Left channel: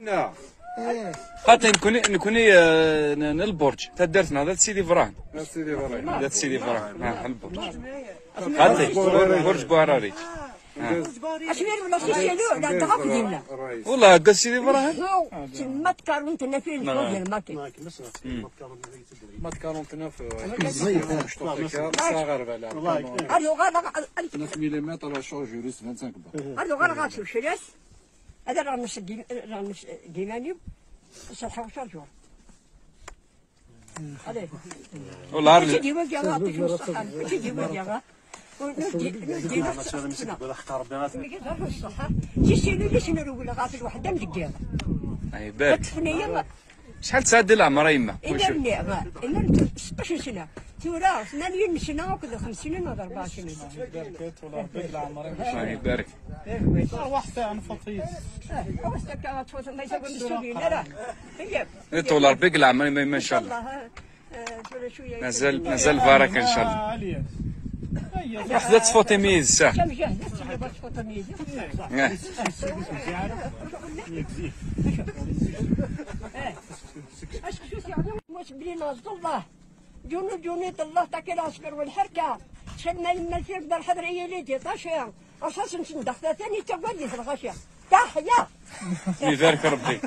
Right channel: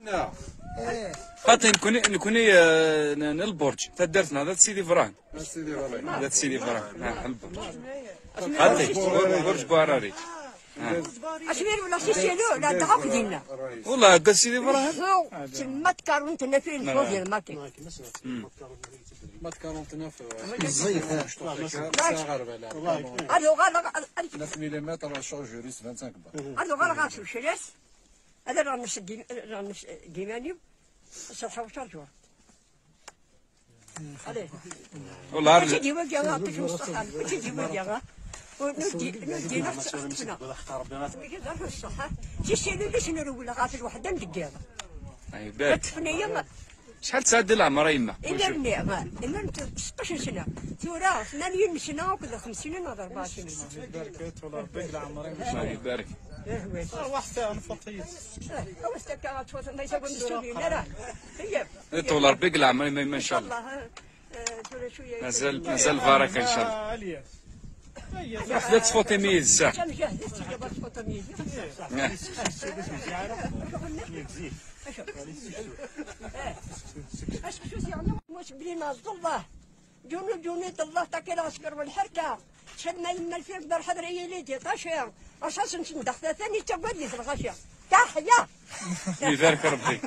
نعم. خاطر نكون البرج تدرتنا هذا سيدي فران. سيدي فران. هذا سيدي فران. البرج. خاطر برج بوهراريت. أشوير ولا سيسيلو ولا تغف دينا. والله قال سيدي فران. ما تكارون تنافين فوق الماكي. ما تكارون تنافين. زين. صغر بلا. أريو غلا 9 ملم على شارج جوريس 25 بار. أريو غلا غاسو شلاس. هذا رانش ديماني. شرحوا شرجوا. والله تجي وجهه تجي وجهه. شحال تسعد العمر يما؟ إلا النعمة إلا 16 سنة تورا 8 سنة وكذا 5 سنين ولا 4 سنين. الله يبارك. طول ربك العمر ما شاء الله. مازال بارك إن شاء الله. وحدة تفوتميز صح. مش بينا الله جوني الله تاكل أشكر والحركة شد ما يما الفيل بالحضر يليتي طاشيا أساسا ندخل ثاني تبدي في الغشة تحيا يبارك ربي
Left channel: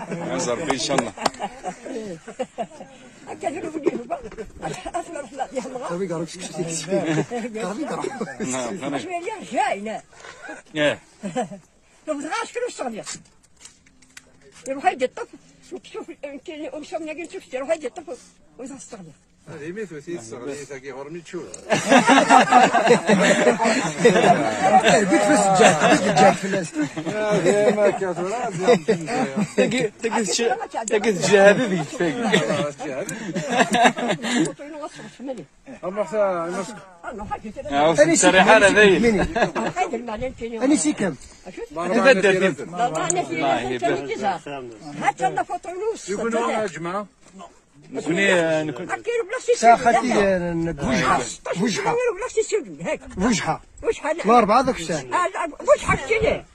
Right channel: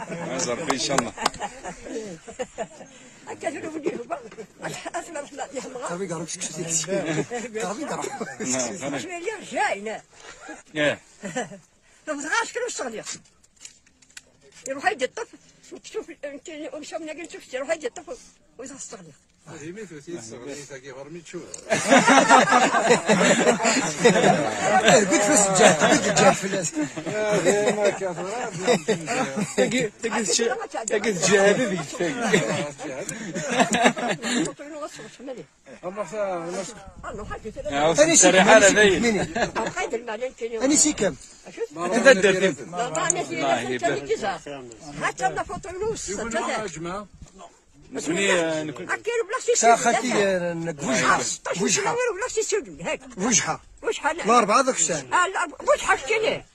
ربي إن شاء الله. كذا بجيب أسمع رحمة الله. قربي قربي قربي قربي. شو اللي جاينا؟ فنزغاش كل الصغير. يروح يجي الطفل شوف يمكن ومشون يجي شوف يروح يجي الطفل ويزغ الصغير. هذه مثل تي الصغير تاكي هرمي تشوف. بيت في السجاد في الناس. هذا ما كثر تجي الجهاد بيك. أنا سريحة أنا سيكم. يكونوا يا جماعة. نكون ساختي وجحة وجحة الأربعة ذاك الساعة وجحة كذا.